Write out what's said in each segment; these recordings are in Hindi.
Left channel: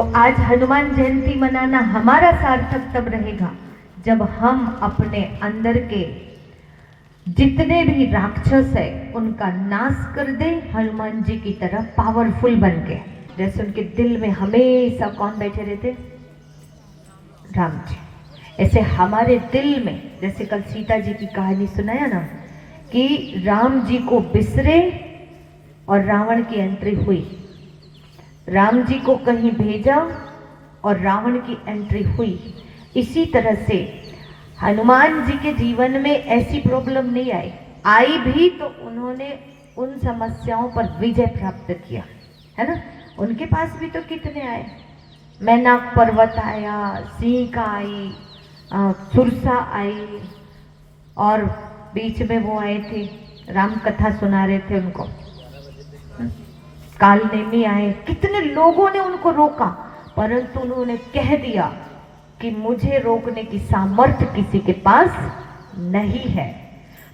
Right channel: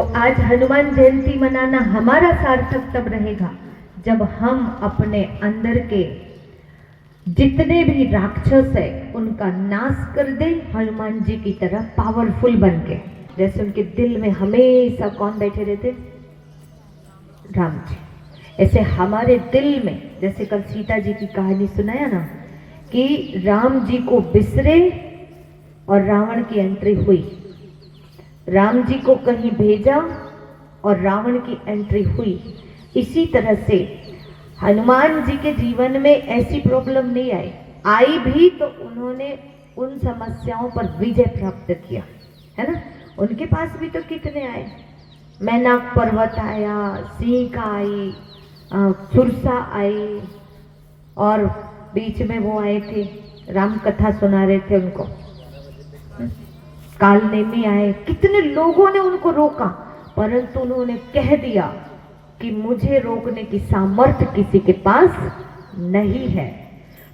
तो आज हनुमान जयंती मनाना हमारा सार्थक तब रहेगा जब हम अपने अंदर के जितने भी राक्षस है उनका नाश कर दे, हनुमान जी की तरह पावरफुल बन के। जैसे उनके दिल में हमेशा कौन बैठे रहते? राम जी। ऐसे हमारे दिल में, जैसे कल सीता जी की कहानी सुनाया ना कि राम जी को बिसरे और रावण की एंट्री हुई, राम जी को कहीं भेजा और रावण की एंट्री हुई। इसी तरह से हनुमान जी के जीवन में ऐसी प्रॉब्लम नहीं आई भी तो उन्होंने उन समस्याओं पर विजय प्राप्त किया, है ना। उनके पास भी तो कितने आए, मैनाक पर्वत आया, सिंह आई, सुरसा आई, और बीच में वो आए थे राम कथा सुना रहे थे उनको, कालनेमी आए। कितने लोगों ने उनको रोका, परंतु उन्होंने कह दिया कि मुझे रोकने की सामर्थ्य किसी के पास नहीं है।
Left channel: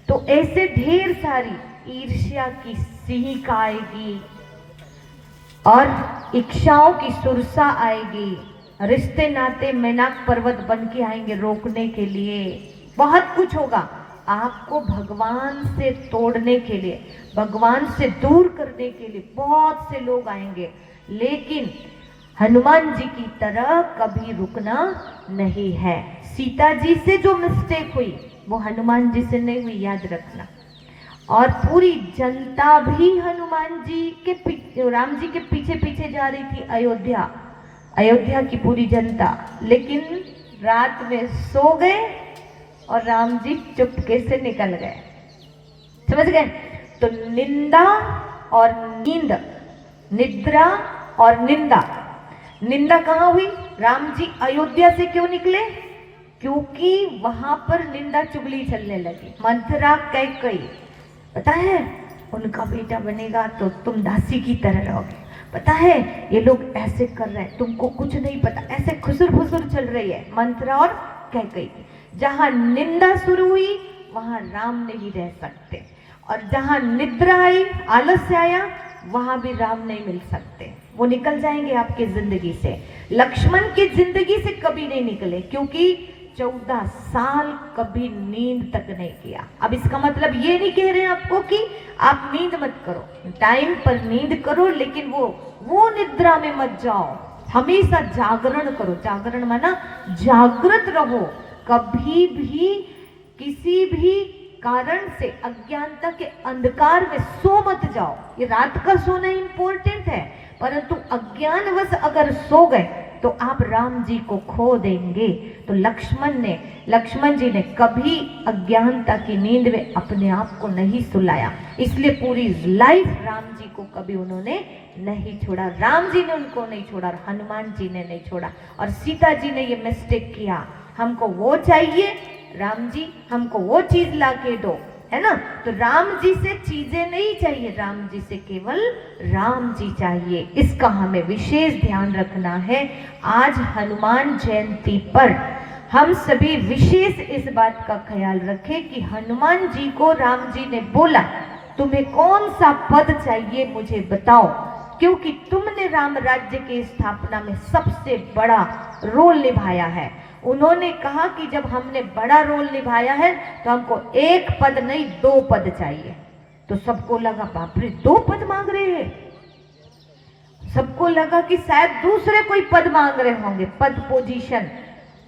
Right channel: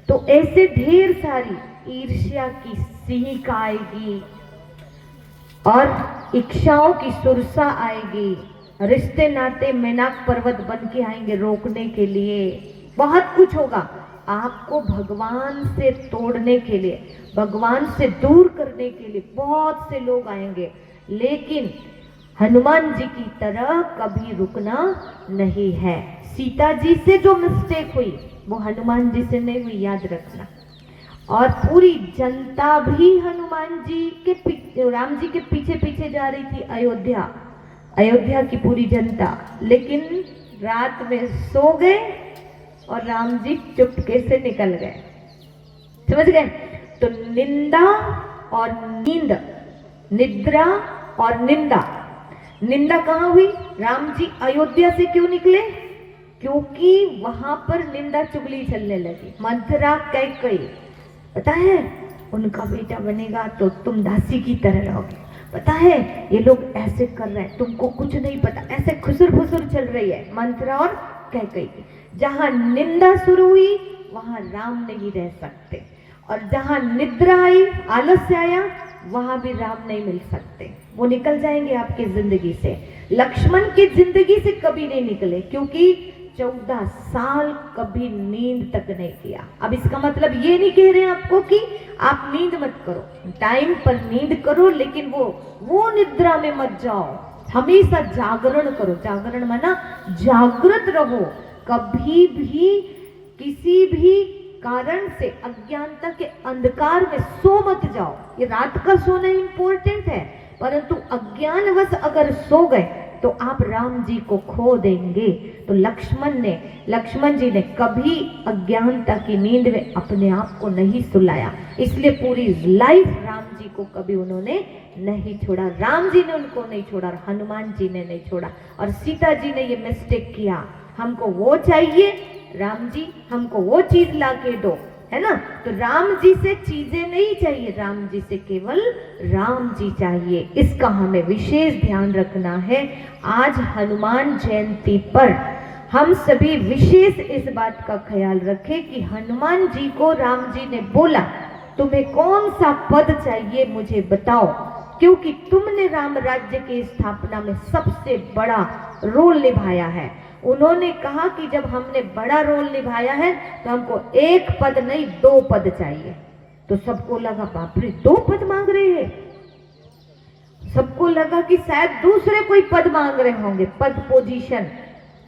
तो ऐसे ढेर सारी ईर्ष्या की सिंह आएगी और इच्छाओं की सुरसा आएगी, रिश्ते नाते मैनाक पर्वत बन के आएंगे रोकने के लिए, बहुत कुछ होगा। आपको भगवान से तोड़ने के लिए, भगवान से दूर करने के लिए बहुत से लोग आएंगे, लेकिन हनुमान जी की तरह कभी रुकना नहीं है। सीता जी से जो मिस्टेक हुई वो हनुमान जी से नहीं हुई, याद रखना। और पूरी जनता भी हनुमान जी के राम जी के पीछे पीछे जा रही थी, अयोध्या की पूरी जनता, लेकिन रात में सो गए और राम जी चुपके से निकल गए। समझ गए? तो निंदा और नींद, निद्रा और निंदा। निंदा कहाँ हुई? राम जी अयोध्या से क्यों निकले? क्योंकि वहां पर निंदा चुगली चलने लगी। मंथरा कैकेयी, पता है उनका बेटा बनेगा तो तुम दासी की तरह रहोगे, पता है ये लोग ऐसे कर रहे हैं, तुमको कुछ नहीं पता, ऐसे खुसुर फुसुर चल रही है मंथरा और कैकेयी। जहां निंदा शुरू हुई वहां राम नहीं रह सकते, और जहां निद्रा आई, आलस्य आया, वहां भी राम नहीं मिल सकते, वो निकल जाएंगे आपके जिंदगी से। लक्ष्मण की जिंदगी से कभी नहीं निकले, क्योंकि 14 साल कभी नींद तक नहीं किया। अब इसका मतलब ये नहीं कह रहे हैं आपको कि आप नींद मत करो, टाइम पर नींद करो, लेकिन वो निद्रा में मत जाओ, हमेशा जागरण करो। जागरण माना जागृत रहो, कभी भी किसी भी कारण से अज्ञानता के अंधकार में सो मत जाओ। ये रात का सोना इंपॉर्टेंट है, परंतु अज्ञानवश अगर सो गए तो आप राम जी को खो देंगे। तो लक्ष्मण जी ने कभी अज्ञानता की नींद में अपने आप को नहीं सुलाया, इसलिए पूरी लाइफ राम जी को कभी उन्होंने नहीं छोड़ा। राम जी ने उनको नहीं छोड़ा, हनुमान जी ने नहीं छोड़ा। और सीता जी ने ये मिस्टेक किया, हमको वो चाहिए, राम जी हमको वो चीज ला के दो, है ना। तो राम जी से चीजें नहीं चाहिए, राम जी से केवल राम जी चाहिए। इसका हमें विशेष ध्यान रखना है। आज हनुमान जयंती पर हम सभी विशेष इस बात का ख्याल रखें कि हनुमान जी को राम जी ने बोला, तुम्हें कौन सा पद चाहिए मुझे बताओ, क्योंकि तुमने राम राज्य की स्थापना में सबसे बड़ा रोल निभाया है। उन्होंने कहा कि जब हमने बड़ा रोल निभाया है तो हमको एक पद नहीं 2 पद चाहिए। तो सबको लगा बाप रे 2 पद मांग रहे हैं, सबको लगा कि शायद दूसरे कोई पद मांग रहे होंगे, पद पोजीशन।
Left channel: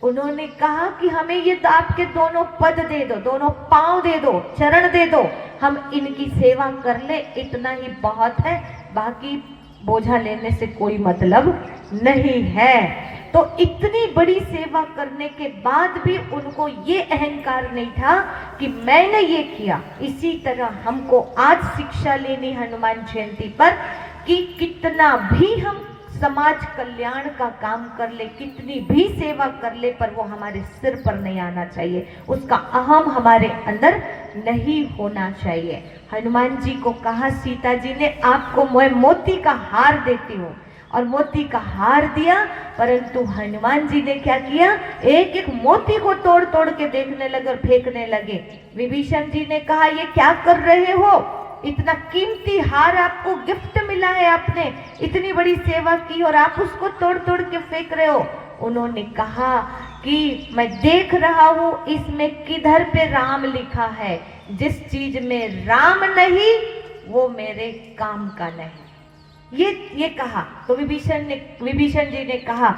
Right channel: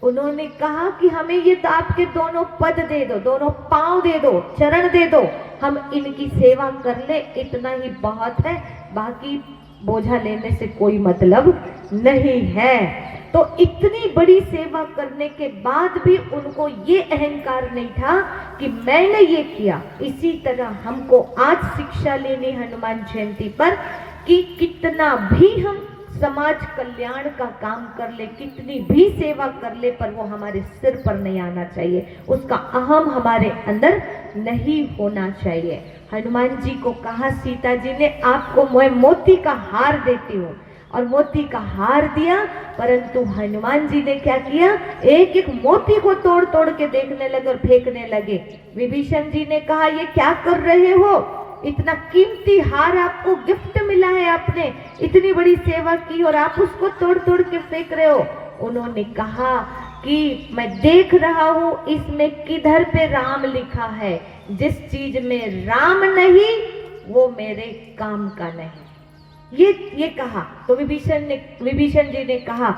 उन्होंने कहा कि हमें ये तो आपके दोनों पद दे दो, दोनों पांव दे दो, चरण दे दो, हम इनकी सेवा कर ले, इतना ही बहुत है, बाकी बोझा लेने से कोई मतलब नहीं है। तो इतनी बड़ी सेवा करने के बाद भी उनको ये अहंकार नहीं था कि मैंने ये किया। इसी तरह हमको आज शिक्षा लेनी हनुमान जयंती पर कि कितना भी हम समाज कल्याण का काम कर ले, कितनी भी सेवा कर ले, पर वो हमारे सिर पर नहीं आना चाहिए, उसका अहम हमारे अंदर नहीं होना चाहिए। हनुमान जी को कहा सीता जी ने, आपको मैं मोती का हार देती हूँ, और मोती का हार दिया, परंतु हनुमान जी ने क्या किया, एक एक मोती को तोड़ तोड़ के देखने लगे और फेंकने लगे। विभीषण जी ने कहा ये क्या कर रहे हो? इतना कीमती हार आपको गिफ्ट मिला है, आपने इतनी बड़ी सेवा की और आप उसको तोड़ तोड़ के फेंक रहे हो। उन्होंने कहा कि मैं देख रहा हूं इसमें किधर पे राम लिखा है, जिस चीज में राम नहीं वो मेरे काम का नहीं। ये कहा तो विभीषण जी ने कहा,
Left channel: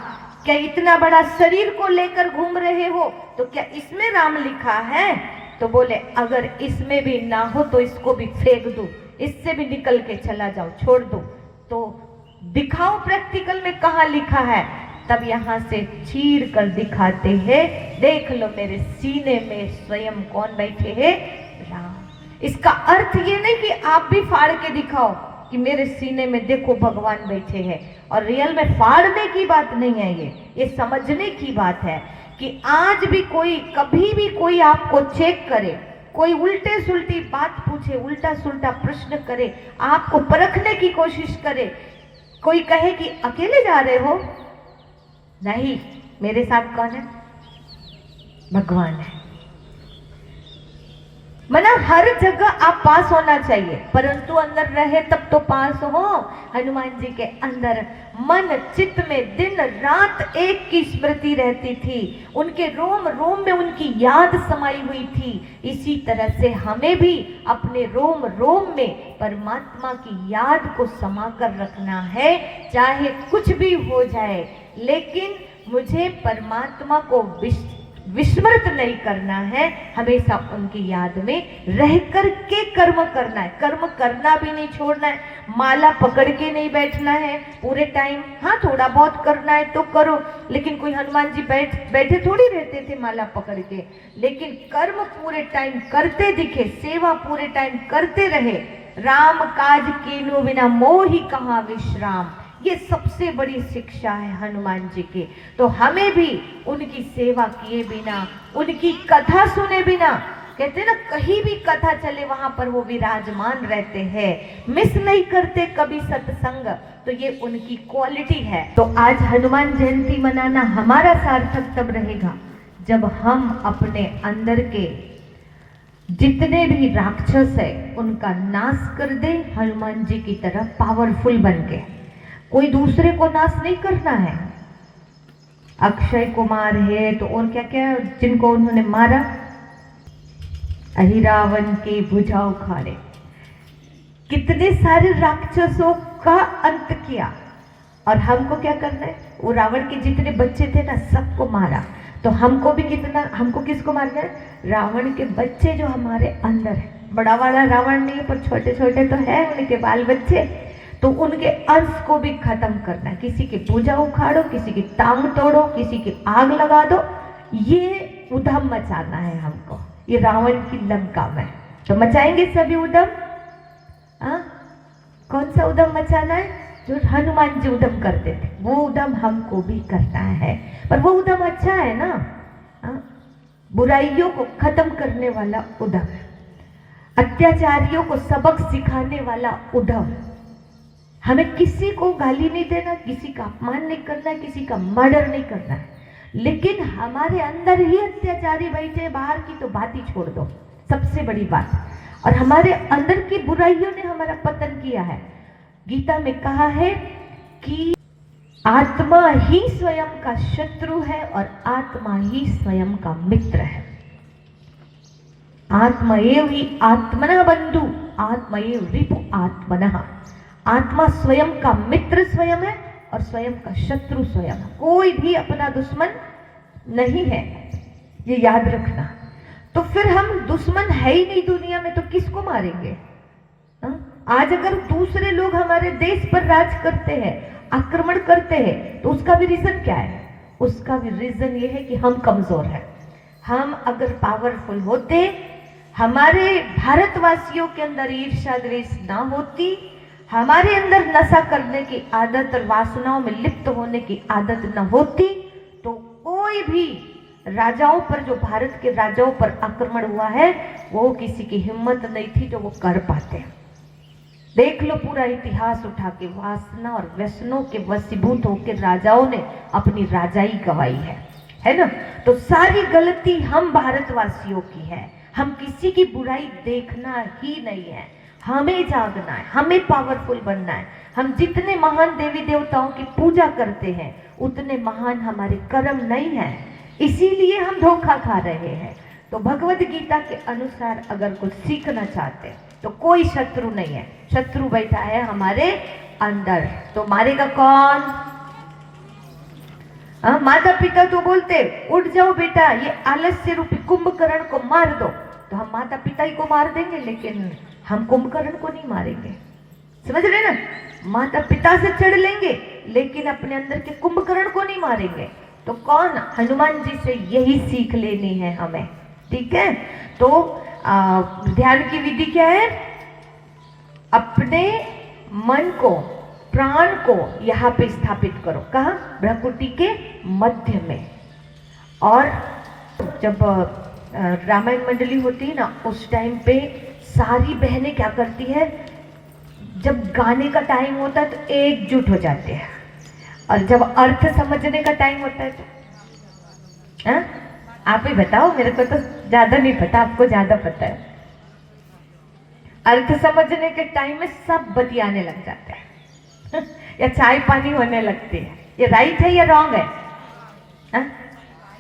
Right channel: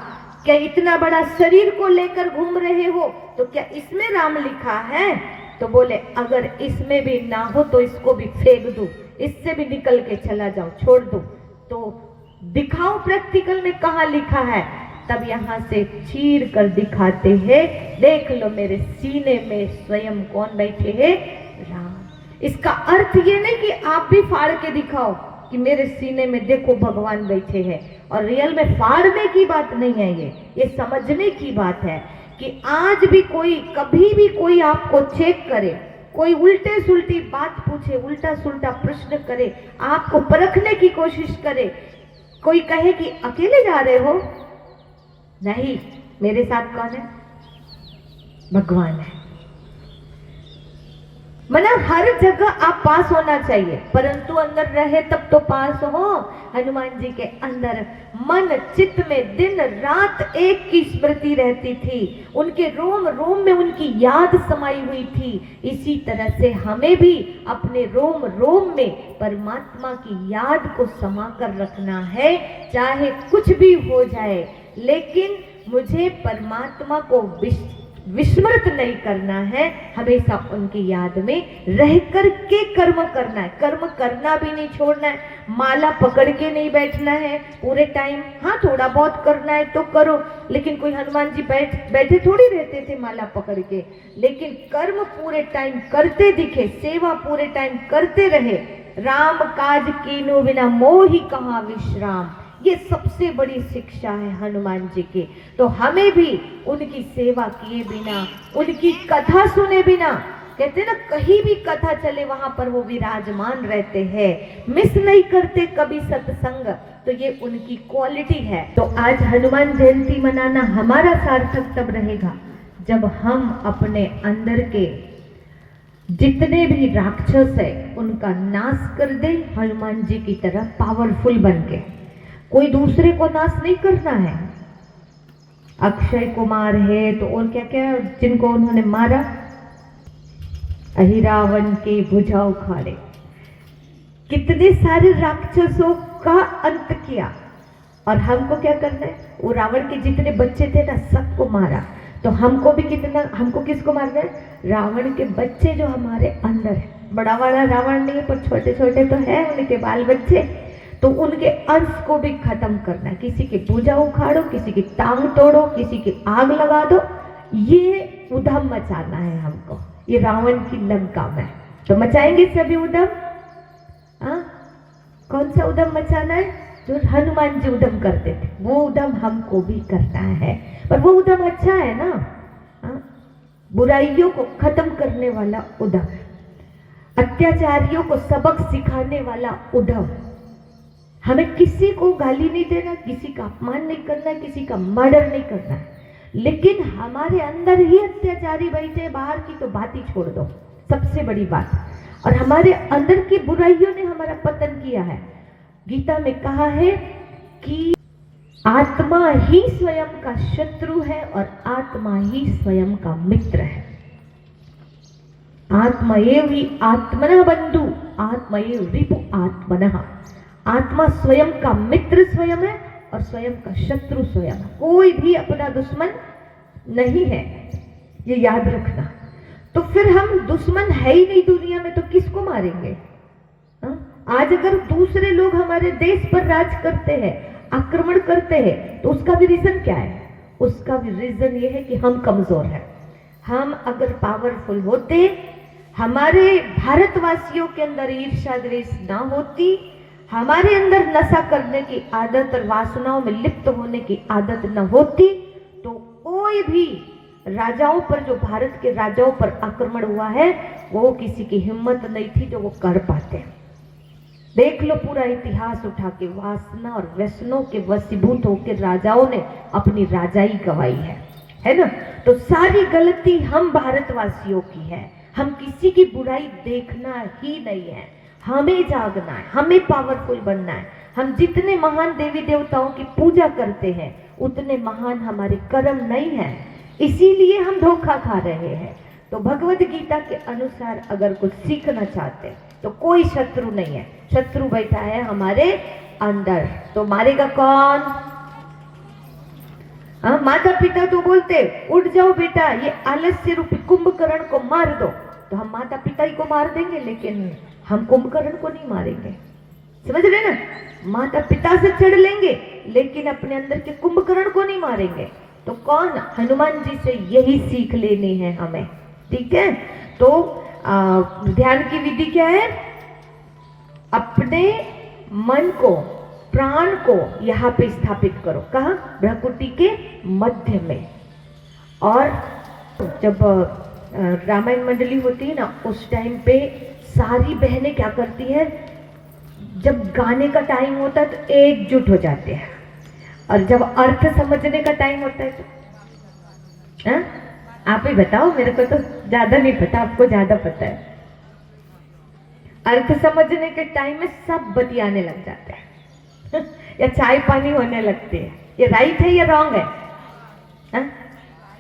क्या इतना बड़ा शरीर को लेकर घूम रहे हो तो क्या इसमें राम लिखा है? तो बोले अगर इसमें भी ना हो तो इसको भी फेंक दूं, इससे भी निकल के चला जाओ, छोड़ दो, तो दिखाओ प्रैक्टिकल में कहाँ लिखा है। तब यहाँ से चीर कर दिखाते हैं, देख लो मेरे सीने में स्वयं कौन बैठे हैं, राम। इसका अर्थ ये नहीं कि आप भी फाड़ के दिखाओ कि मेरे सीने में देखो भगवान बैठे हैं, और रियल में फाड़ने की बात नहीं है, ये समझने की बात है कि आज भी कोई कभी भी कोई आपको चेक करे, कोई उल्टे सुल्टी बात पूछे, उल्टा सुल्टा प्रश्न करे, आपको परखने की कोशिश करे, कोई कहे कि अकेले जा रहे हो, नहीं मेरे साथ कौन है, भगवान है। मतलब हर जगह आप पास होना चाहिए, परंतु अंदर रहे तब तो पास हो। हनुमान जी के अंदर मन चित्त में दिन रात एक की स्मृति रहती थी, उनके रोम रोम में उनकी याद समाई हुई थी। इसी तरह से हमें भी अपने रोम रोम में परमात्मा की याद को समा कर रखना है, चाहे कुछ भी हो जाए, लेकिन मुझे परमात्मा को विस्मृत नहीं करना है, हमेशा उनकी याद में रह कर के कर्म करना है, कर्म करना भी नहीं छोड़ना है, माला पकड़ के नहीं बैठना है पूरे टाइम। हाँ थोड़ा बहुत करना है तो करो, लेकिन कोई हनुमान जी बैठे थोड़ी रहते थे माला पकड़ के, लेकिन कर्म पूरे टाइम करते दिखे, सेवा पूरे टाइम करते रहे। राम काज कीन्हु बिना मोहि कहाँ विश्राम, ये सबसे बड़ी शिक्षा है हनुमान जी की। तो हमें भी उनकी सेवा किए बिना, उनकी कथा सुने बिना, कहते ना कहीं भी कथा चले वहां पर वो विराजमान रहते हैं, मिस नहीं करते कभी सत्संग, तो ये उनकी क्वालिटी है। तो आज हनुमान जयंती मनाना हमारा सार्थक तब रहेगा जब हम अपने अंदर के जितने भी राक्षस है उनका नाश कर दे, हनुमान जी की तरह पावरफुल बन के। कोई दूसरे को नाश नहीं करना है। अक्षय कुमार है तो और क्या क्या जिनको उन्होंने मारा, अहिरावण के भुजा उखाड़े, कितने सारे राक्षसों का अंत किया। और हमको क्या करना है, वो रावण के जितने बच्चे थे ना सबको मारा, तो हमको भी कितना, हमको किसको मारना है, रावण के बच्चे जो हमारे अंदर है। बड़ा वाला रावण नहीं पर छोटे छोटे तो है उनके बाल बच्चे, तो उनके अंश को भी खत्म करना है। किसी की पूजा उखाड़ो, किसी की टांग तोड़ो, किसी की आग लगा दो, ये उधम मचाना है हमको, ये रावण की लंका में। तो मचाएंगे सभी उधम। कौन सा उधम मचाना है, जो हनुमान जी उधम करते थे वो उधम हमको भी करना है। पर वो उधम अच्छा है ना, बुराइयों को खत्म करने वाला उधम, अत्याचारियों को सबक सिखाने वाला उधम। हमें किसी को गाली नहीं देना, किसी का अपमान नहीं करना, किसी का मर्डर नहीं करना है, लेकिन हमारे अंदर ही अत्याचारी बैठे, बाहर की तो बात ही छोड़ दो, सबसे बड़ी बात। और हमारे अंदर की बुराइयों ने हमारा पतन किया है। गीता में कहा है कि आत्मा ही स्वयं का शत्रु है और आत्मा ही स्वयं का मित्र है। आत्मएव ही आत्मनः बंधु, आत्मएव रिपु आत्मनः। आत्मा स्वयं का मित्र स्वयं है और स्वयं का शत्रु स्वयं। कोई भी अपना दुश्मन नहीं है, ये याद रखना। तो फिर हम दुश्मन है ही नहीं दुनिया में तो किसको मारेंगे? आज अगर दूसरे लोग हमारे देश पर राज करते हैं, आक्रमण करते हैं, तो उसका भी रीजन क्या है? उसका भी रीजन ये है कि हम कमजोर हैं। हम अगर पावरफुल होते, हमारे भारतवासियों के अंदर ईर्ष्या द्वेष ना होती, हमारे अंदर नशा करने की आदत और वासनाओं में लिप्त होने की आदत न होती, तो कोई भी राजाओं पर, जो भारत के राजाओं पर आक्रमण हुआ है, वो किसी की हिम्मत नहीं थी जो वो कर पाते। देख लो पूरा इतिहास उठा के, वासना और व्यसनों के वशीभूत होकर राजाओं ने अपनी राजाई गवाई है ना। तो सारी गलती हम भारतवासियों की है, हम किसी की बुराई देखना ही नहीं है। हमें जागना है, हमें पावरफुल बनना है। हम जितने महान देवी देवताओं की पूजा करते हैं उतने महान हमारे कर्म नहीं है, इसीलिए हम धोखा खा रहे हैं। तो भगवत गीता के अनुसार अगर कुछ सीखना चाहते हैं तो कोई शत्रु नहीं है, शत्रु बैठा है हमारे अंदर। तो मारेगा कौन? माता पिता तो बोलते उठ जाओ बेटा, ये आलस्य रूपी कुंभकर्ण को मार दो, तो हम माता पिता ही को मार देंगे, लेकिन हम कुंभकर्ण को नहीं मारेंगे। समझ रहे ना? माता पिता से चिढ़ लेंगे लेकिन अपने अंदर के कुंभकर्ण को नहीं मारेंगे। तो कौन? हनुमान जी से यही सीख लेनी है हमें। ठीक है, तो ध्यान की विधि क्या है? अपने मन को, प्राण को यहाँ पे स्थापित करो। कहा? भ्रकुटी के मध्य में। और जब रामायण मंडली होती है ना, उस टाइम पे सारी बहनें क्या करती है, जब गाने का टाइम होता है तो एकजुट हो जाते हैं, और जब अर्थ समझने का टाइम होता है तो आप ही बताओ, मेरे को तो ज्यादा नहीं पता, आपको ज्यादा पता है। अर्थ समझने के टाइम में सब बतियाने लग जाते हैं या चाय पानी होने लगती है। ये राइट है या रॉन्ग है?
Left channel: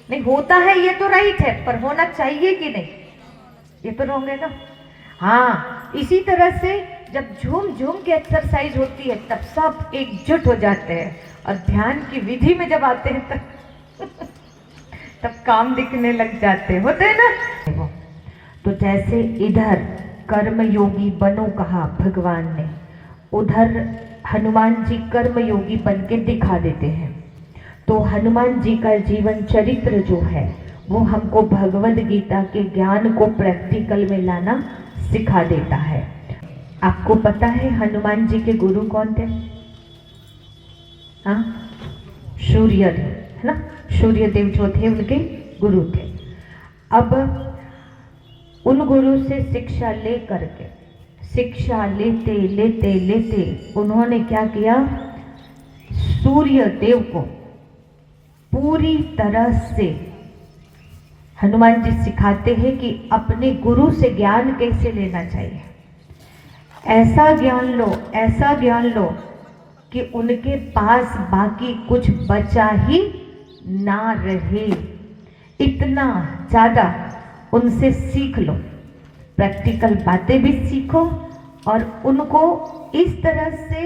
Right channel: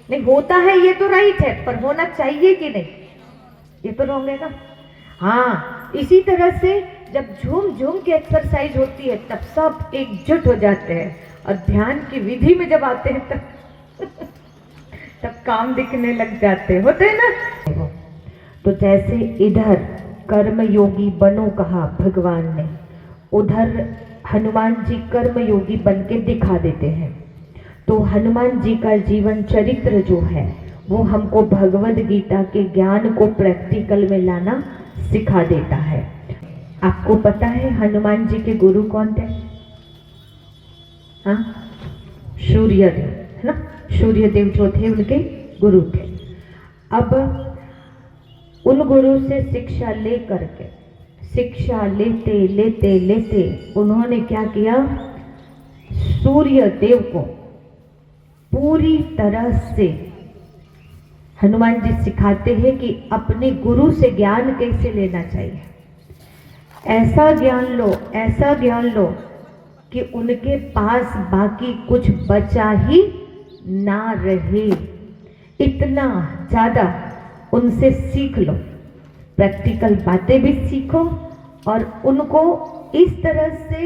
नहीं, होता है ये तो राइट है, पर होना चाहिए कि नहीं, ये तो रॉन्ग है ना। हाँ, इसी तरह से जब झूम झूम के एक्सरसाइज होती है तब सब एकजुट हो जाते हैं, और ध्यान की विधि में जब आते हैं तब काम दिखने लग जाते होते हैं ना। तो जैसे इधर कर्म योगी बनो कहा भगवान ने, उधर हनुमान जी कर्म योगी बन के दिखा देते हैं। तो हनुमान जी का जीवन चरित्र जो है वो हमको भगवद गीता के ज्ञान को प्रैक्टिकल में लाना सिखा देता है। आपको पता है हनुमान जी के गुरु कौन थे? हाँ, सूर्यदेव, है ना। सूर्यदेव जो थे उनके गुरु थे। अब उन गुरु से शिक्षा ले करके, शिक्षा लेते लेते लेते उन्होंने क्या किया, सूर्यदेव को पूरी तरह से हनुमान जी सिखाते हैं कि अपने गुरु से ज्ञान कैसे लेना चाहिए। ऐसा ज्ञान लो, ऐसा ज्ञान लो कि उनके पास बाकी कुछ बचा ही ना रहे। इतना ज्यादा उनसे सीख लो, प्रैक्टिकल बातें भी सीखो, और उनको इस तरह से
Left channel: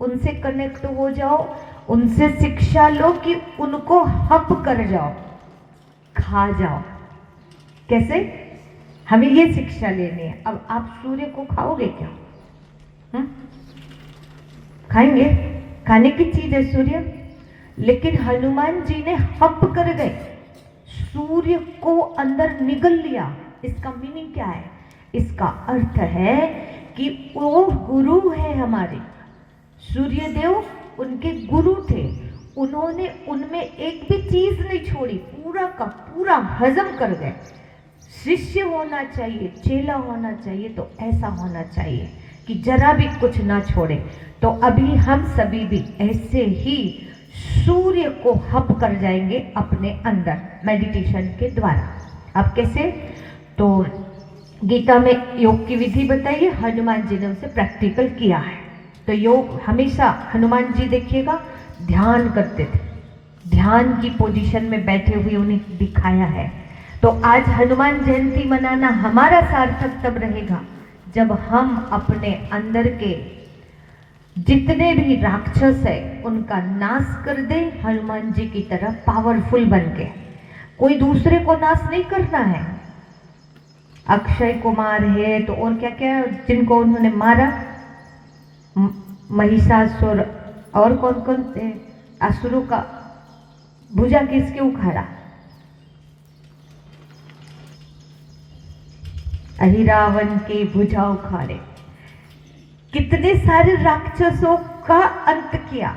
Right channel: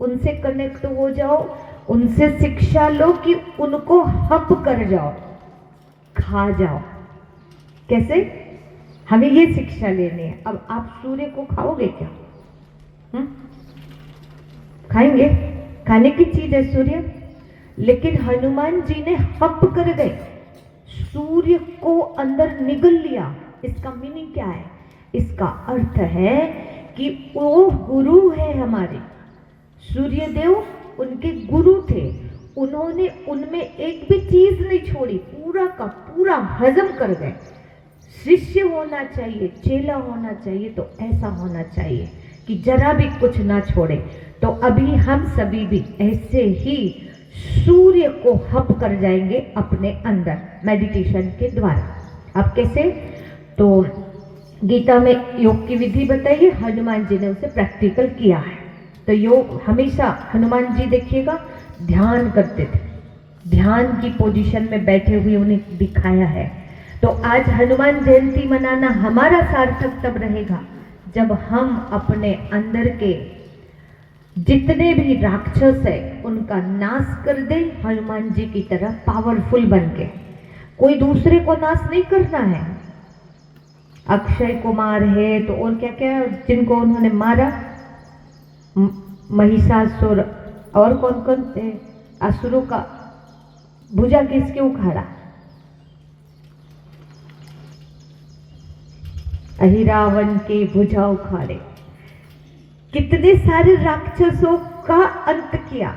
उनसे कनेक्ट हो जाओ, उनसे शिक्षा लो कि उनको हप कर जाओ, खा जाओ। कैसे? हमें ये शिक्षा लेनी है। अब आप सूर्य को खाओगे क्या? खाएंगे? खाने की चीज है सूर्य, लेकिन हनुमान जी ने हप कर गए, सूर्य को अंदर निगल लिया। इसका मीनिंग क्या है? इसका अर्थ है कि वो गुरु है हमारे। सूर्यदेव उनके गुरु थे, उन्होंने उनमें एक भी चीज नहीं छोड़ी, पूरा का पूरा हजम कर गए। शिष्य होना चाहिए, चेला होना चाहिए तो ऐसा होना चाहिए कि जरा भी कुछ ना छोड़े। तो अभी हम सभी भी ऐसे ही सूर्य को हप कर जाएंगे अपने अंदर मेडिटेशन के द्वारा। आप कैसे? तो गीता में योग की विधि बताइए, हनुमान जी ने उसे प्रैक्टिकल किया है। तो योग हमेशा हनुमान जी देखिएगा ध्यान करते थे, ध्यान की पोजीशन में बैठे हुए उन्हें दिखाया है। तो आज हनुमान जयंती मनाना हमारा सार्थक तब रहेगा जब हम अपने अंदर के जितने भी राक्षस है उनका नाश कर दे, हनुमान जी की तरह पावरफुल बन के। कोई दूसरे को नाश नहीं करना है। अक्षय कुमार है तो और क्या क्या जिनको उन्होंने मारा, महिषासुर, और कौन कौन थे असुरों का भुजा किसके उखाड़ा, अहिरावण के भुजा उखाड़े, कितने सारे राक्षसों का अंत किया।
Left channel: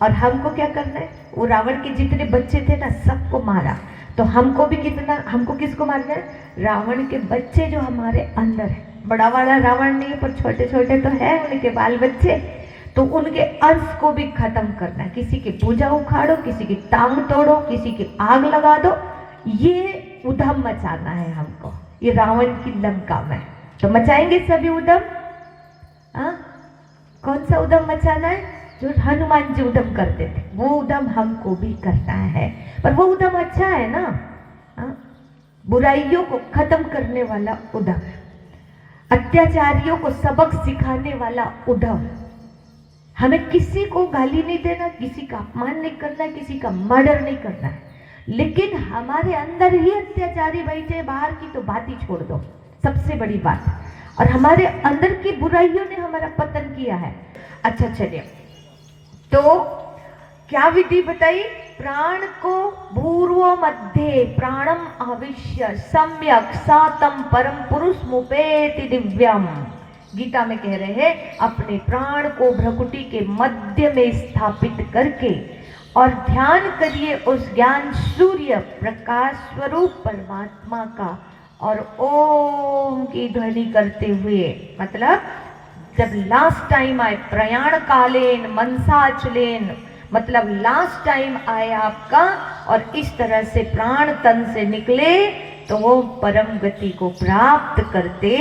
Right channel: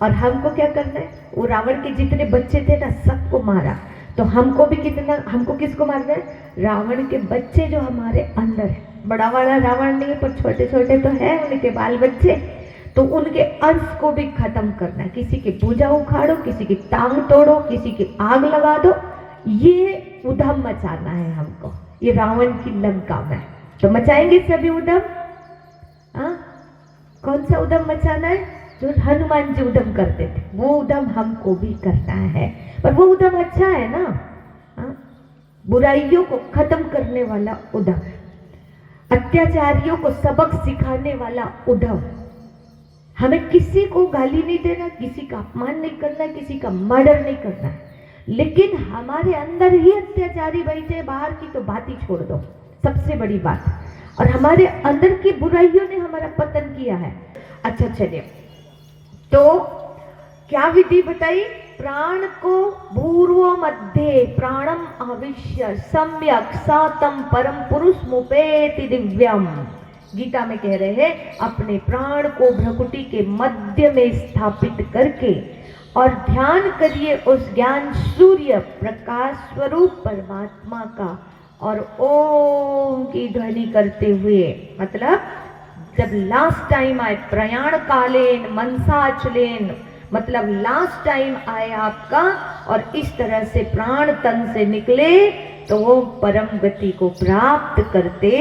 और हमको क्या करना है? वो रावण के जितने बच्चे थे ना सबको मारा। तो हमको भी कितना, हमको किसको मारना है? रावण के बच्चे जो हमारे अंदर है। बड़ा वाला रावण नहीं पर छोटे छोटे तो है उनके बाल बच्चे, तो उनके अंश को भी खत्म करना है। किसी की भुजा उखाड़ो, किसी की टांग तोड़ो, किसी की आग लगा दो, ये उधम मचाना है हमको, ये रावण की लंका में। तो मचाएंगे सभी उधम? कौन सा उद्यम मचाना है? जो हनुमान जी उद्यम करते थे, वो उद्यम हमको भी करना है। पर वो उद्यम अच्छा है ना, बुराइयों को खत्म करने वाला उद्यम, अत्याचारियों को सबक सिखाने वाला उद्यम। हमें किसी को गाली नहीं देना, किसी का अपमान नहीं करना, किसी का मर्डर नहीं करना है। लेकिन हमारे अंदर ही अत्याचारी बैठे, बाहर की तो बात ही छोड़ दो, सबसे बड़ी बात। और हमारे अंदर की बुराइयों ने हमारा पतन किया है। अच्छा चलिए, तो क्या विधि बताई? प्राण को भूर्व मध्य प्राणम आविश्य सम्यक सातम परम पुरुष मुपेति दिव्यम। गीता में कह रहे हैं अपने प्राण को भ्रकुटी के मध्य में स्थापित करके और ध्यान करिए उस ज्ञान सूर्य प्रकाश स्वरूप परमात्मा का, और ओम की ध्वनि करते हुए, मतलब जब लास्ट टाइम आए प्रयाण कालेन मनसाचलेन, मतलब लास्ट टाइम आए आपका, और इस तरह से प्राण तन से निकले तो वो परम गति को प्राप्त करते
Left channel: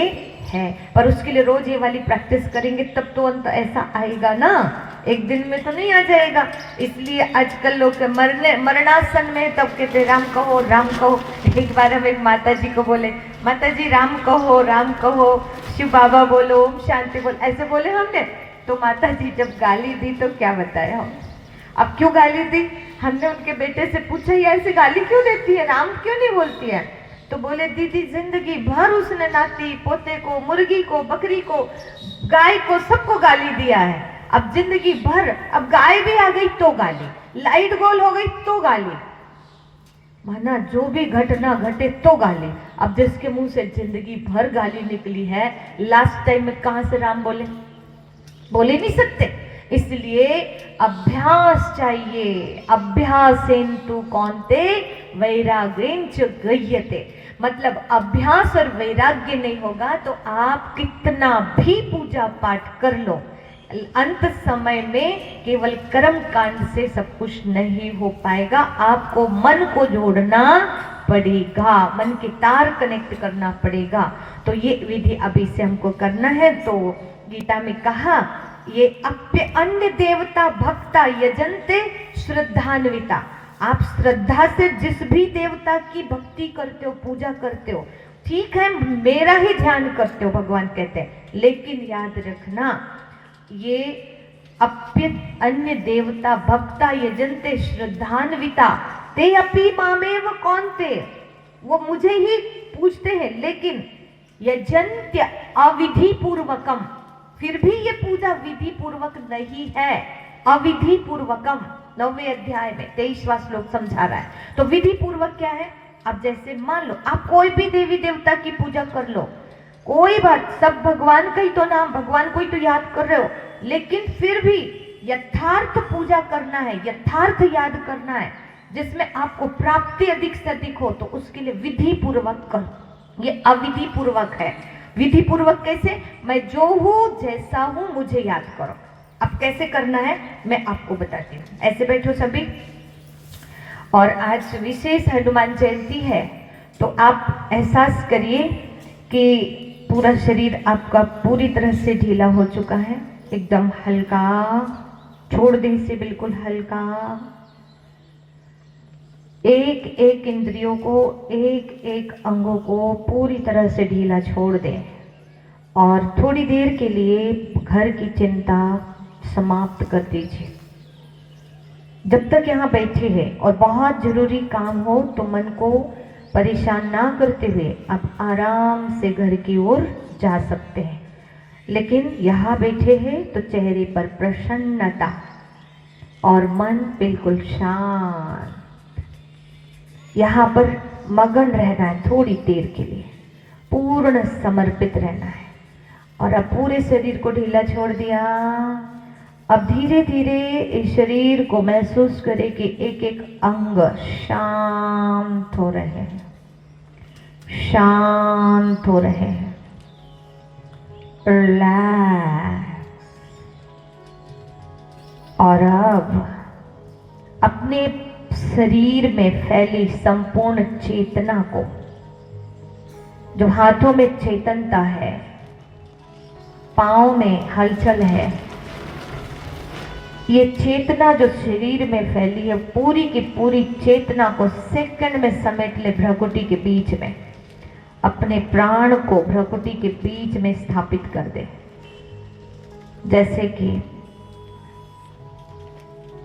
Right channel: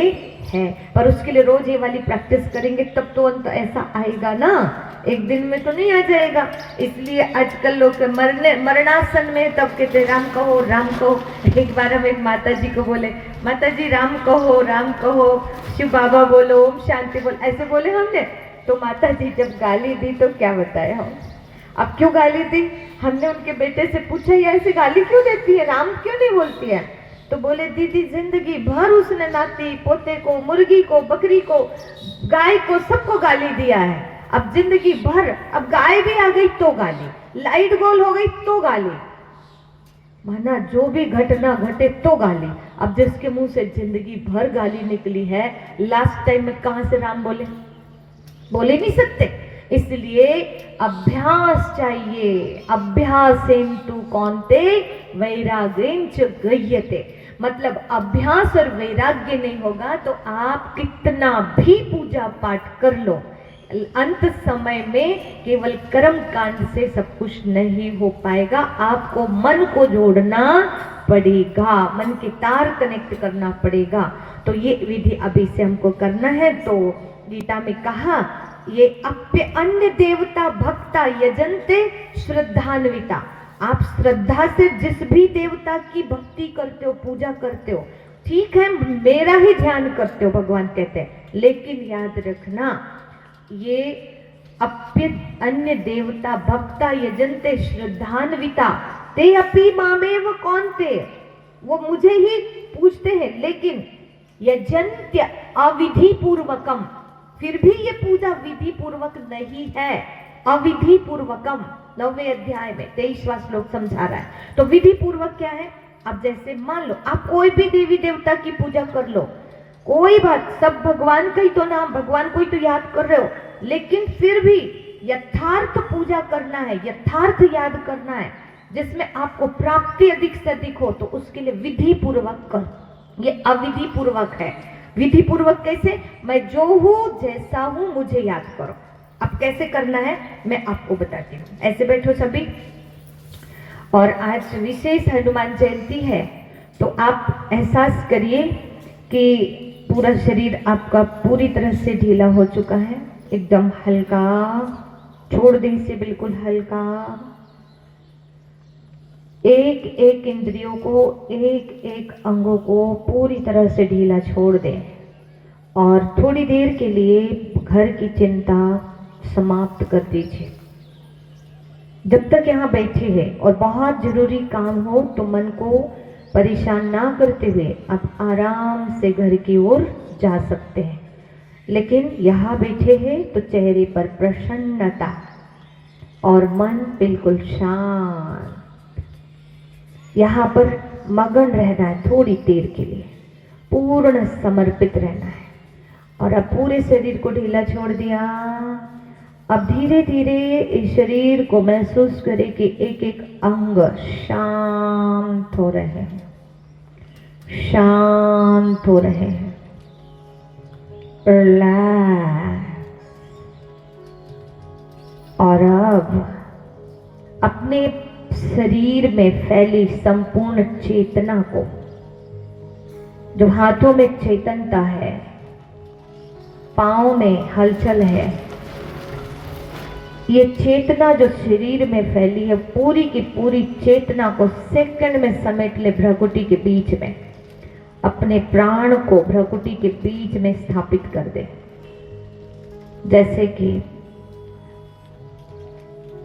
हैं। पर उसके लिए रोज ये वाली प्रैक्टिस करेंगे तब तो अंत ऐसा आएगा ना, एक दिन में तो नहीं आ जाएगा। इसलिए आजकल लोग मरणासन में तब कहते राम कहो राम कहो। एक बार हम एक माता जी को बोले, माता जी राम कहो, शिव बाबा बोलो, ओम शांति बोलो, ऐसे बोले हमने। तो माता जी जब गाली दी तो क्या बताया हम, अब क्यों गाली दी? हमने उनके बेटे से पूछा ये ऐसे गाली क्यों देती है, राम क्यों नहीं बोलती है? तो बोले दीदी जिंदगी भर उसने नाती पोते को, मुर्गी को, बकरी को, गाय को, सबको गाली दिया है। अब जिंदगी भर, अब गाय भी आ गई तो गाली, लाइट गोल हो गई तो गाली, माना जो भी घटना घटे तो गाली। अब जिसके मुंह से जिंदगी भर गाली निकली है, लास्ट टाइम में कहां से राम बोले? बोले नहीं सकते। इसलिए अभ्यास चाहिए, अभ्यासेन्तु कौन्ते वैराग्येन च गह्यते। मतलब अभ्यास और वैराग्य नहीं होगा तो आप कितना भी पूजा पाठ कर लो, अंत समय में केवल कर्म कांड से सब कुछ नहीं हो पाएगा। आपको मन को जोड़ना पड़ेगा, मन के तार कनेक्ट करना पड़ेगा। तो ये विधि अभी से हमको करना है। तो गीता में कहा ये अप्य अन्य देवता भक्ता यजन्ते श्रद्धान्विता। आप श्रद्धा से जिस भी देवता की भक्ति करते हो, पूजा करते हो, ठीक है मेरा ही ध्यान करते हो भगवान कहते हैं, लेकिन याद रखना ये अप्य अन्य देवता भक्ता यजन्ते श्रद्धान्विता ते अपि मामेव कौन्ते, वो मुझे ही पूछते हैं, लेकिन यजन्त्य अविधि पूर्वकम, फिर भी ये पूजा विधि पूर्वक नहीं है, अविधि पूर्वकम। 9वें अध्याय में 23वां श्लोक समझा रहा है। तो विधि पूर्वक क्या है? अब जैसे मान लो आप कोई भी देवी देवता की पूजा कर लो, कोई बात, सब भगवान का ही तो नाम, भगवान को ही तो याद कर रहे हो, लेकिन फिर भी यथार्थ पूजा करना है, यथार्थ याद करना है, जिसमें आपको प्राप्ति अधिक से अधिक हो, तो उसके लिए विधि पूर्वक करो। ये अविधि पूर्वक है। विधि पूर्वक कैसे? मैं जो हूं जैसा हूं मुझे याद करो। अब कैसे करना है मैं आपको बताती हूँ। ऐसे बैठो सभी। और आज विशेष हनुमान जयंती है, तो आप एहसास करिए कि पूरा शरीर आपका पूरी तरह से ढीला हो चुका है, एकदम हल्का, छोड़ दें इसे बिल्कुल हल्का। एक एक इंद्रियों को, एक एक अंगों को पूरी तरह से ढीला छोड़ दें और थोड़ी देर के लिए घर की चिंता समाप्त कर दीजिए। जब तक यहाँ बैठे हैं और बहुत जरूरी काम हो तो मन को परेशान ना करते हुए आप आराम से घर की ओर जा सकते हैं, लेकिन यहाँ बैठे हैं तो चेहरे पर प्रसन्नता और मन बिल्कुल शांत, यहाँ पर मगन रहना है थोड़ी देर के लिए, पूर्ण समर्पित रहना है। और अब पूरे शरीर को ढीला छोड़ दिया। अब धीरे धीरे इस शरीर को महसूस करें कि एक एक अंग शांत हो रहे हैं, शांत हो रहे हैं, रिलैक्स। और अब अपने शरीर में फैली संपूर्ण चेतना को, जो हाथों में चेतनता है, पांव में हलचल है, ये चेतना जो शरीर में फैली है, पूरी की पूरी चेतना को सेकंड में समेट ले भ्रकुटी के बीच में, अपने प्राण को भ्रकुटी के बीच में स्थापित कर दे। जैसे कि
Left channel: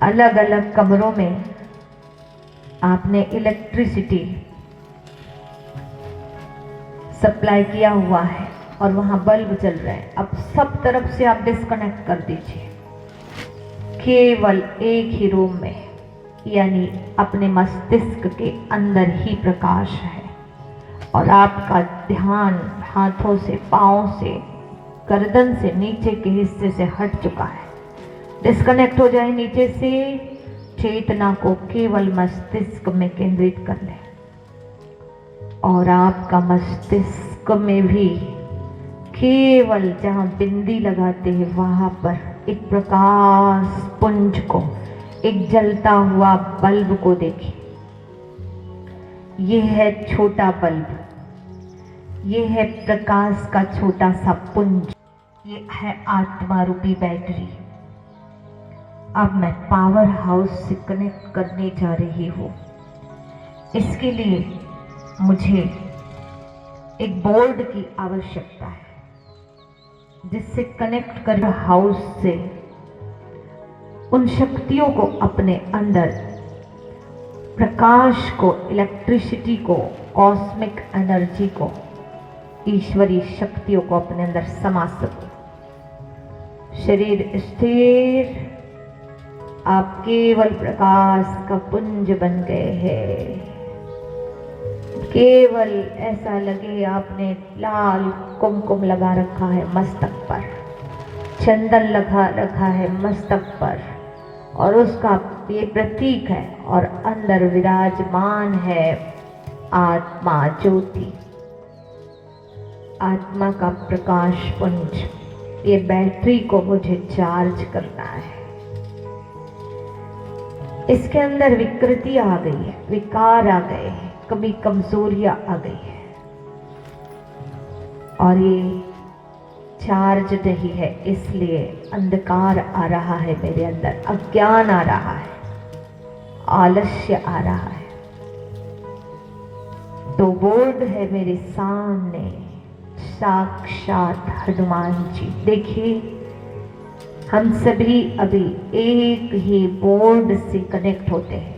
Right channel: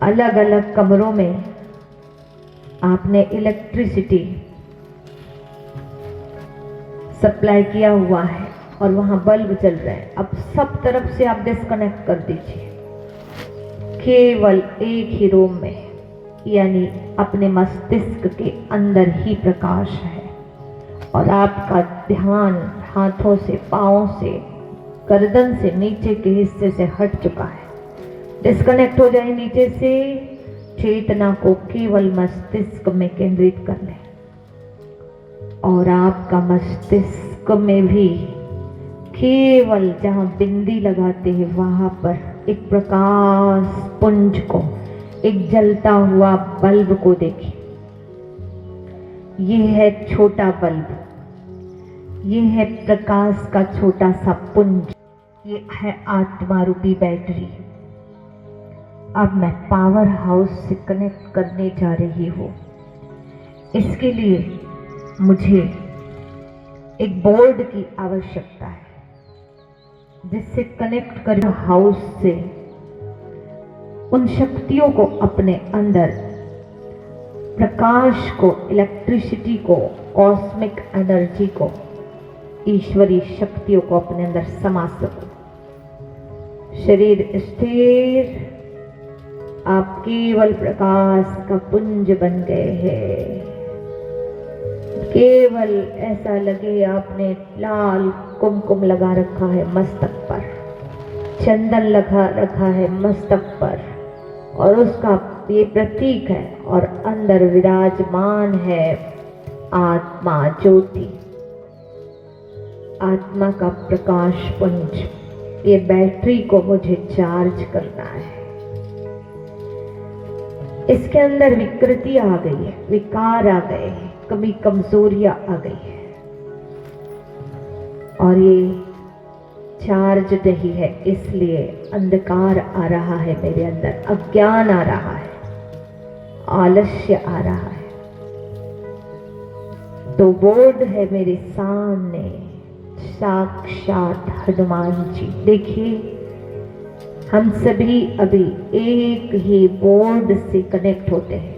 अलग अलग कमरों में आपने इलेक्ट्रिसिटी सप्लाई किया हुआ है और वहां बल्ब जल रहे हैं, अब सब तरफ से आप डिस्कनेक्ट कर दीजिए, केवल एक ही रूम में, यानी अपने मस्तिष्क के अंदर ही प्रकाश है और आपका ध्यान हाथों से, पांवों से, गर्दन से नीचे के हिस्से से हट चुका है। डिस्कनेक्ट हो जाए नीचे से, चेतना को केवल मस्तिष्क में केंद्रित कर ले और आपका मस्तिष्क में भी केवल जहां बिंदी लगाते हैं वहां पर एक प्रकाश पुंज को, एक जलता हुआ बल्ब को देखिए। यह है छोटा बल्ब, यह है प्रकाश का छोटा सा पुंज, ये है आत्मा रूपी बैटरी। अब मैं पावर हाउस से कनेक्ट करने जा रही हूँ। इसके लिए मुझे एक बोर्ड की आवश्यकता है जिससे कनेक्ट कर हाउस से उन शक्तियों को अपने अंदर, प्रकाश को, इलेक्ट्रिसिटी को, कॉस्मिक एनर्जी को, ईश्वरीय शक्तियों को अपने अंदर समा सकूं। शरीर स्थिर, आप केवल प्रकाश का पुंज बन गए हैं। केवल ऐसा लगे आपने लाल कुमकुम लगा रखा है मस्तक पर, चंदन लगा रखा है मस्तक पर और उसका ये प्रतीक है और अंदर विराजमान है आत्मा ज्योति, आत्मा का प्रकाश पुंज। ये बैटरी को मुझे चार्ज करना है। इसके अंदर विकृति आ गई है, विकार आ गए हैं, कभी कमजोरियां आ गई है और ये चार्ज नहीं है, इसलिए अंधकार आ रहा है मेरे अंदर, अज्ञान आ रहा है, आलस्य आ रहा है। तो बोर्ड है मेरे सामने, साक्षात हनुमान जी। देखिए, हम सभी अभी एक ही बोर्ड से कनेक्ट होते हैं।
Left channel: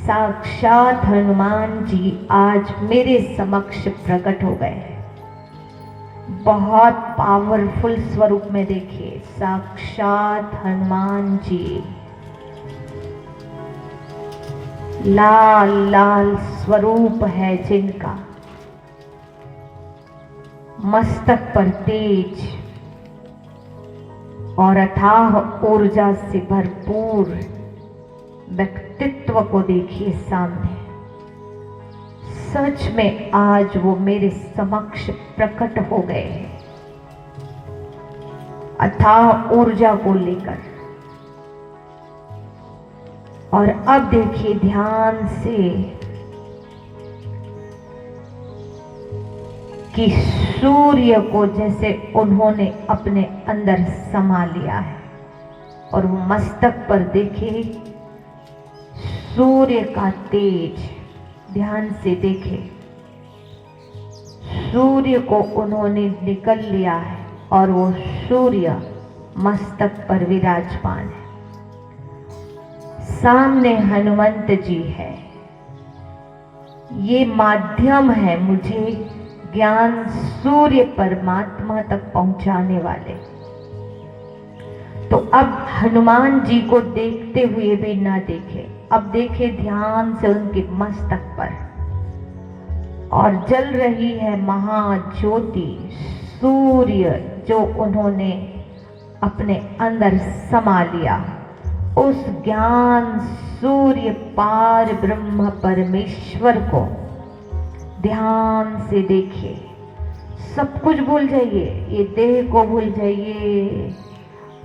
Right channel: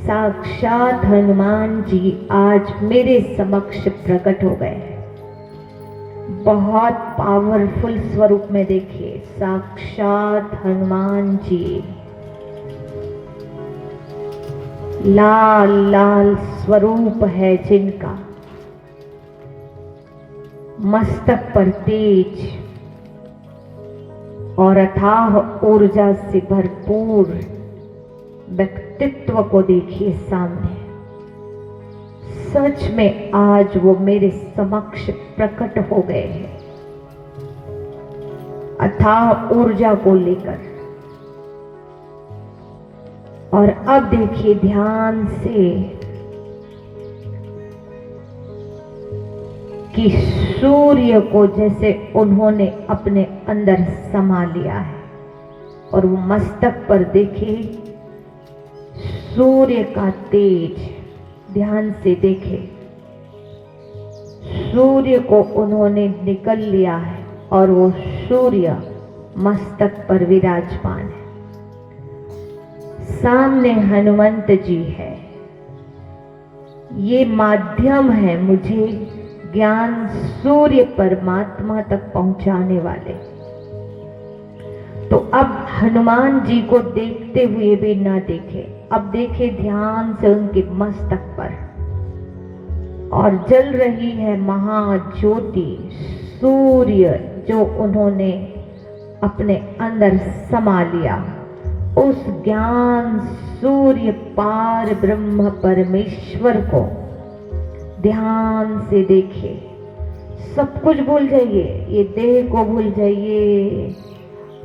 साक्षात हनुमान जी आज मेरे समक्ष प्रकट हो गए हैं, बहुत पावरफुल स्वरूप में। देखिए, साक्षात हनुमान जी, लाल लाल स्वरूप है जिनका, मस्तक पर तेज और अथाह ऊर्जा से भरपूर व्यक्तित्व को देखिए सामने। सच में आज वो मेरे समक्ष प्रकट हो गए हैं, अथाह ऊर्जा को लेकर। और अब देखिए ध्यान से कि सूर्य को जैसे उन्होंने अपने अंदर समा लिया है और वो मस्तक पर देखे सूर्य का तेज, ध्यान से देखे, सूर्य को उन्होंने निकल लिया है और वो सूर्य मस्तक पर विराजमान है। सामने हनुमंत जी है, ये माध्यम है मुझे ज्ञान सूर्य परमात्मा तक पहुंचाने वाले। तो अब हनुमान जी को देखते हुए भी ना देखे, अब देखे ध्यान से उनके मस्तक पर, और जल रही है महाज्योति सूर्य जो उन्होंने अपने अंदर समा लिया। उस ज्ञान सूर्य पार ब्रह्म परमेश्वर को ध्यान से देखिए। सब कुछ भूल जाइए, ये देह को भूल जाइए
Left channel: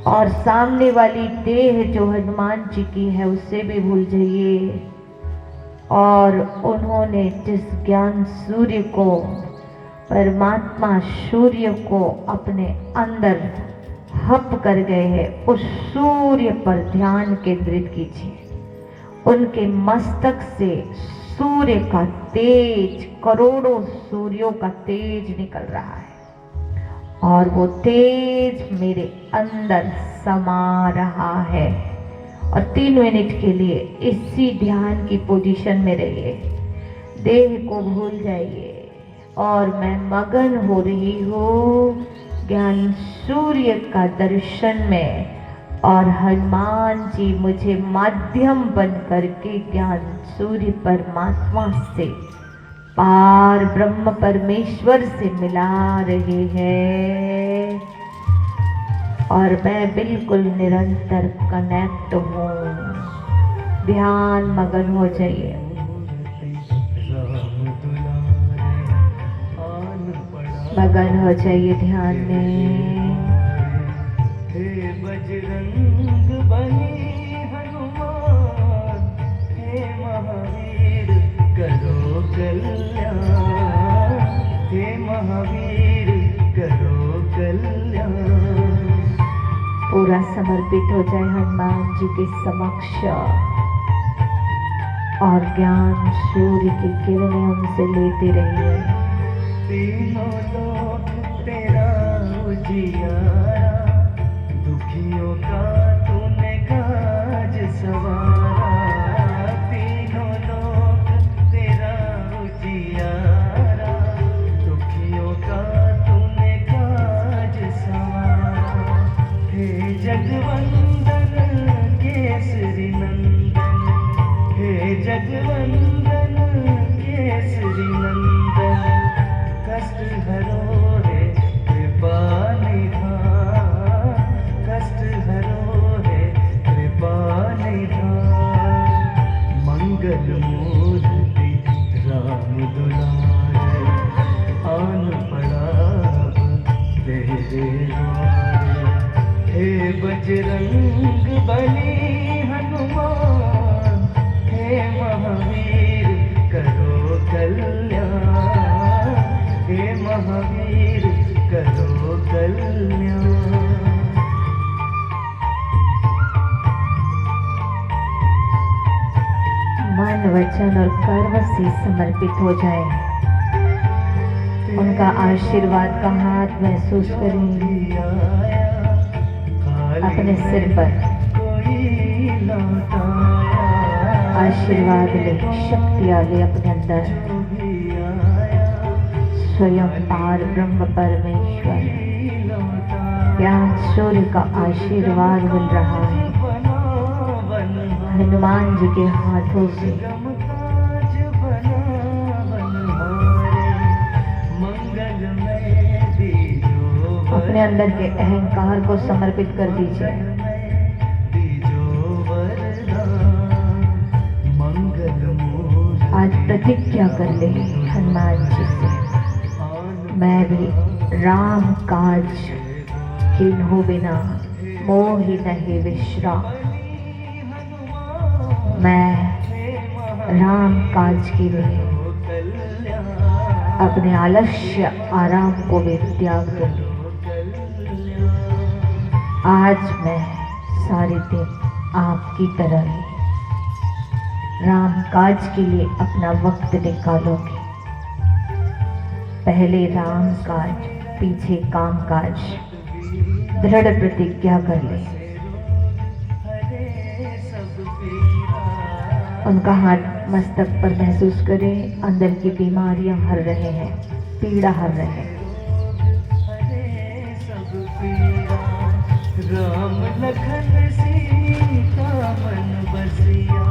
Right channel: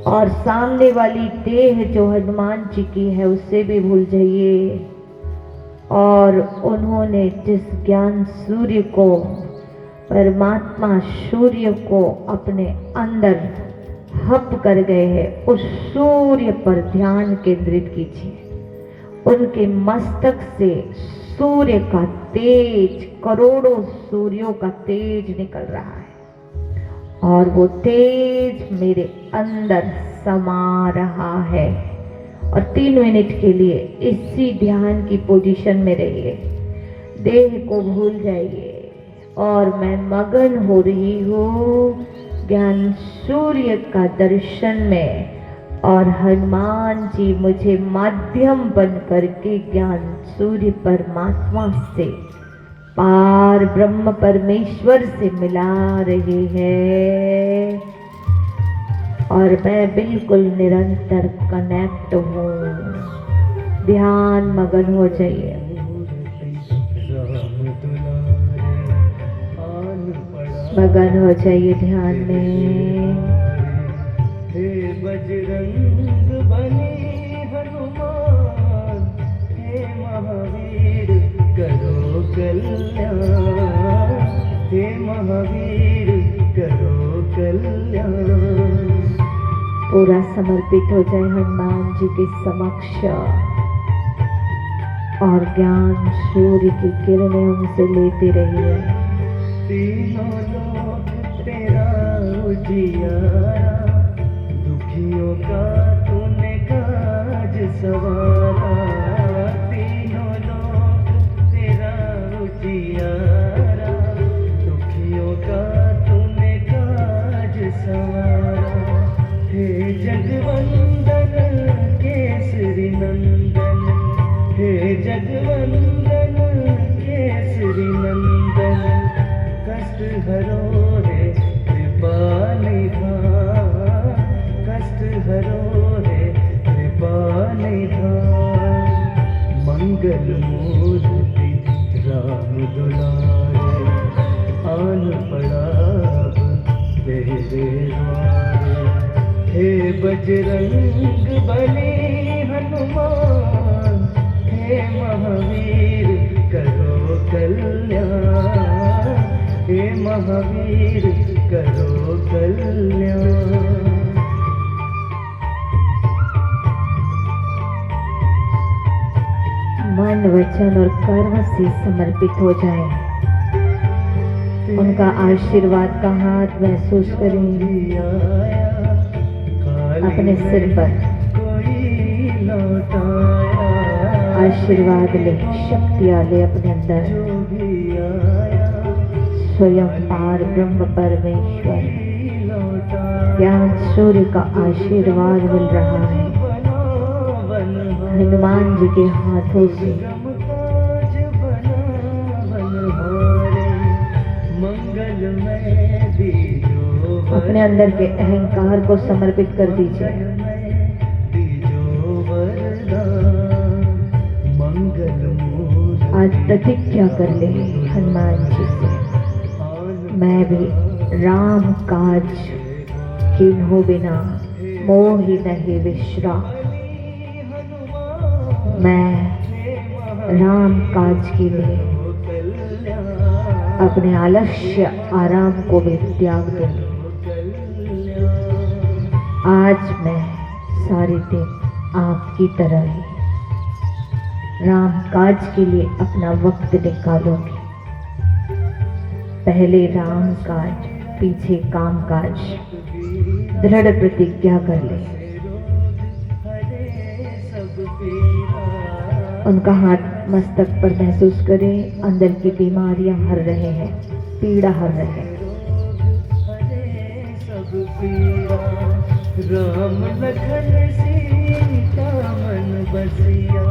और सामने वाली देह जो हनुमान जी की है उससे भी भूल जाइए। और उन्होंने जिस ज्ञान सूर्य को, परमात्मा सूर्य को अपने अंदर हप कर गए हैं, उस सूर्य पर ध्यान केंद्रित कीजिए। उनके मस्तक से सूर्य का तेज, करोड़ों सूर्यों का तेज निकल रहा है और वो तेज मेरे अंदर समा रहा है। और 3 मिनट के लिए इसी ध्यान की पोजीशन में रहिए, देह को भूल जाइए और मैं मगन हो रही हूँ ज्ञान सूर्य का दर्शन में। और हनुमान जी मुझे माध्यम बन करके ज्ञान सूर्य परमात्मा से, पार ब्रह्म परमेश्वर से मिला रहे हैं और मैं बिल्कुल निरंतर कनेक्ट हूँ। ध्यान मगन हो जाइए। मगन हो जाइए ध्यान में। हे बजरंग बली हनुमान, हे महावीर करो कल्याण, हे महावीर करो कल्याण। पूरा समर्पित हो जाए हनुमान जी के समक्ष और ज्ञान सूर्य की किरणें उनसे लेते रहिए। तीनों लोक तेरा उजियारा, दुखियों का तूने काज सवारा। तीनों लोक तेरा उजियारा, दुखियों का तूने काज सवारा। हे जगवंदन केसरी नंदन, हे जगवंदन केसरी नंदन, कष्ट हरो रे कृपा निधान, कष्ट हरो रे कृपा निधान। मंगल मूर्ति राम दुलारे, आन पड़ा तेरे द्वारे। हे बजरंग बली हनुमान, हे महावीर करो कल्याण, हे महावीर करो कल्याण। मन वचन और कर्म से समर्पित हो जाए। उनका आशीर्वाद का हाथ महसूस करेंगे अपने सिर पर। आशीर्वाद ले, शक्तियां ले अपने अंदर। स्वयं पार ब्रह्म परमेश्वर ज्ञान सूर्य का आशीर्वाद मिल रहा है हनुमान जी के हाथों से। अपने अंदर के अहंकार को समर्पित कर दीजिए। आज प्रतिज्ञा कर ले हनुमान जी से, मैं भी राम काज किन्हों बिना मोहि नहीं विश्राम। मैं राम काज के लिए अपने आलस्य आराम को भी त्याग दूंगी। आज मैं सारे दिन आपकी तरह ही राम काज के लिए अपना वक्त निकालूंगी। पहले राम काज, पीछे काम काज। दृढ़ प्रतिज्ञा कर ले। उनका हाथ मस्तक पर महसूस करें। अंदर की बीमारियां हर रहे हैं, पीड़ा हर रहे हैं। राम लखन सीता मन बसिया,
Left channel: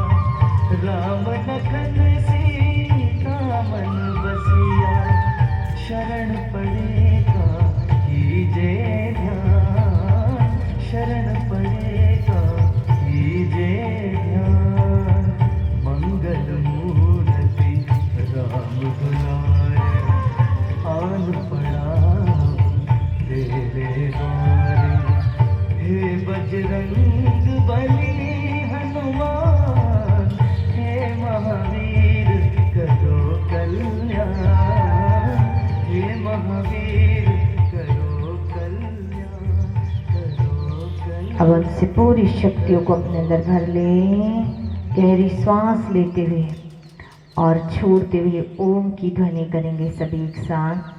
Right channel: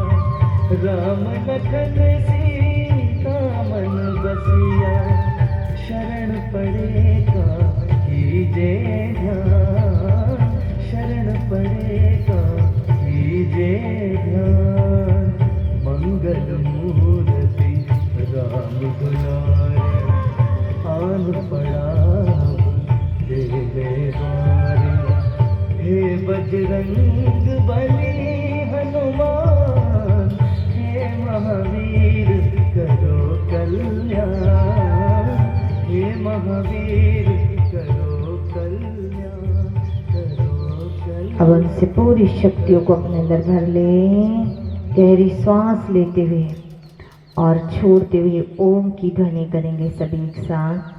राम लखन सीता मन बसिया। शरण पड़ेगा कीजे ध्यान, शरण पड़ेगा कीजे ध्यान। मंगल मूर्ति राम दुलारे, आन पड़ा तेरे द्वारे। हे बजरंग बली हनुमान, हे महावीर करो कल्याण, हे महावीर करो कल्याण, करो सारी शक्तियों को अपने अंदर भर लें। गहरी सांस लेते हुए और छोड़ते हुए ओम की ध्वनि करेंगे सभी एक साथ।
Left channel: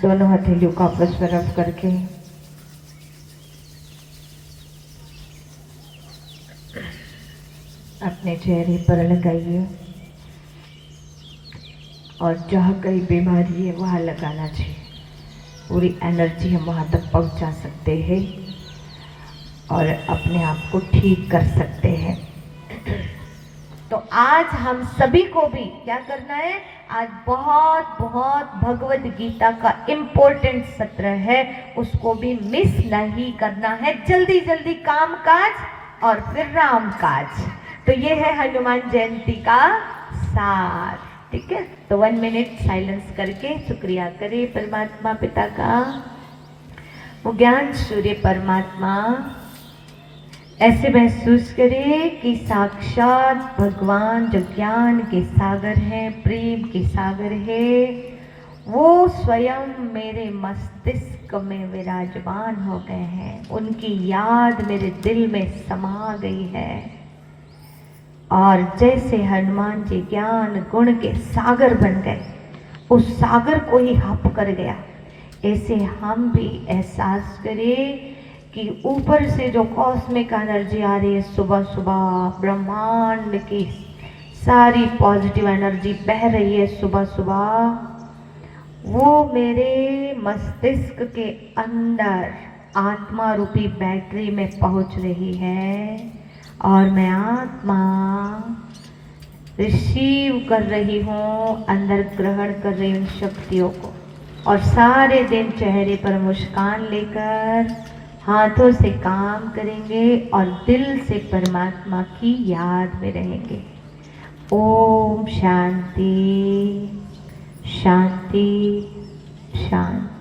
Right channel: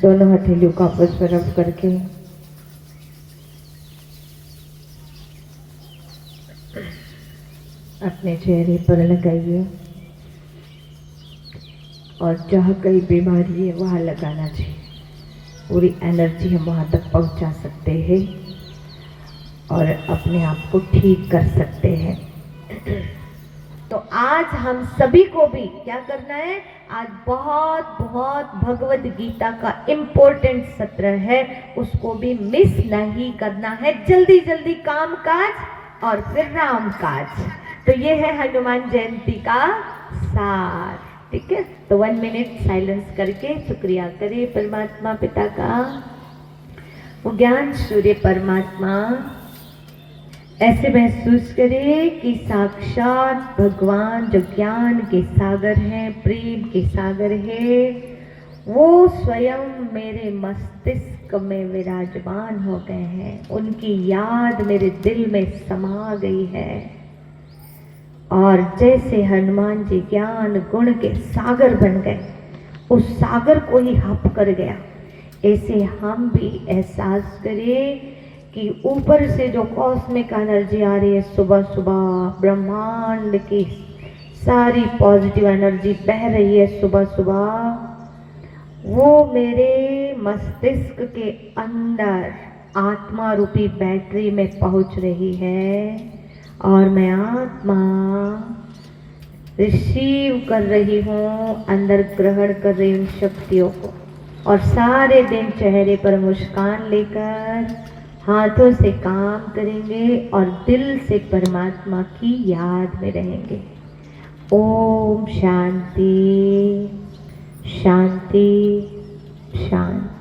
दोनों हथेलियों को आपस में रब करके अपने चेहरे पर लगाइए और जहाँ कहीं बीमारी है वहाँ लगाना चाहिए। पूरी एनर्जी हम वहाँ तक पहुँचा सकते हैं और अपने आप को ठीक कर सकते हैं। तो आज हम सभी को भी क्या करना है, आज बहुत बहुत भगवत गीता का इम्पोर्टेंट सत्र है, उसको भी मिस नहीं करना है। जल्दी जल्दी काम काज और फिर राम काज। तो ये है हनुमान जयंती का सार। ठीक है, तो 1 मिनट साइलेंस करके शुक्रिया करें परमात्मा पिता का। वो ज्ञान सूर्य परमात्मा ऐसे महसूस करें कि साक्षात भगवान जो ज्ञान के सागर हैं, प्रेम के सागर है, वो स्वयं मेरे मस्तिष्क में विराजमान हो गए हैं। उनकी याद मेरे दिल में समा गई है और जैसे हनुमान जी ज्ञान गुण के सागर बन गए, उस सागर को ही हप कर गया, ऐसे हम भी एहसास करें कि ऊपर से जो कॉस्मिक एनर्जी आ रही है, सुबह सुबह ब्रह्मांड की सारी पॉजिटिव एनर्जी बह रही है सुबह सुबह, वो मेरे मस्तिष्क के अंदर आत्मा रूपी बैटरी में पहुंच रही है और मैं आत्मा रिसीव कर रही हूँ, अंदर ग्रहण कर रही हूँ शक्तियों को। और सारे दिन चेहरे पर मुस्कान लेकर हाथों से काम करेंगे और दिल से परमात्मा की याद में रहेंगे। ओम शांति शांति शांति।